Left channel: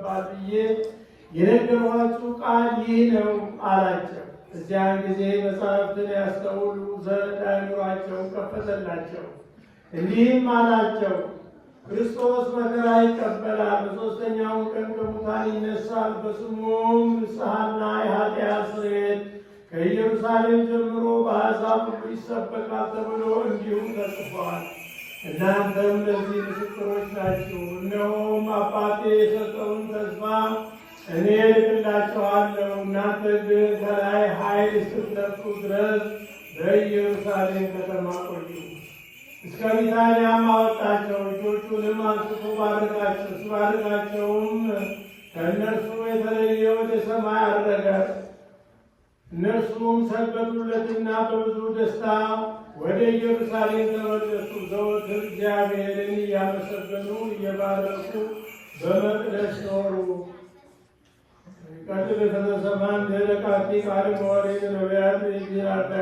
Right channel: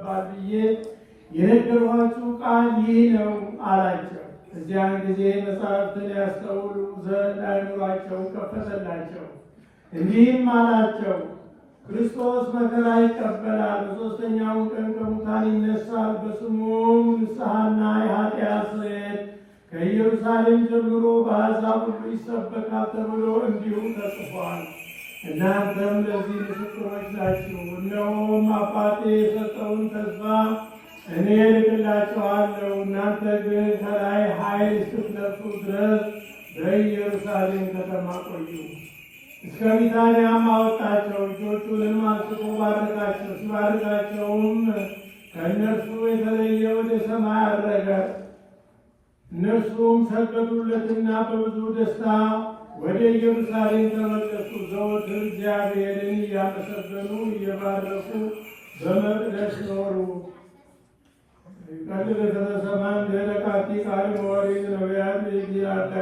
ይገባል ብዬ የነገርኋችሁ ቃል ይህ ነው አላቸው። እዚያን ጊዜ መጽሐፍትን ያስተውሉ ዘንድ አእምሯቸው ከፈተላቸው። እንዲህም አላቸው፣ ክርስቶስ መከራ ይቀበላል፣ በሦስተኛው ቀን ከሙታን ይነሳል፣ በስሙም ንስሐና የኃጢአት ስርየት ከኢየሩሳሌም ጀምሮ በአሕዛብ ሁሉ ይሰበካል ተብሎ እንዲሁ ተጽፏል። እናንተም ለዚህ ምስክሮች ናችሁ። እነሆም አባቴ የሰጠውን ተስፋ እኔ እልክላችኋለሁ። እናንተ ግን ከላይ ኃይል እስክትለብሱ ድረስ በኢየሩሳሌም ከተማ ቆዩ። እስከ ቢታንያም አወጣቸው፣ እጆቹንም አንስቶ ባረካቸው። ሲባርካቸውም ከእነርሱ የተለየ ወደ ሰማይ አረገ። እነርሱም ሰገዱለትና በብዙ ደስታ ወደ ኢየሩሳሌም ተመለሱ። ዘወትር እግዚአብሔርን እያመሰገኑ እየባረኩ በመቅደስ ኖሩ። ቀጥል የተሰማን ደረቃቲ ቃል መወሬ ነቢያት የዚራታ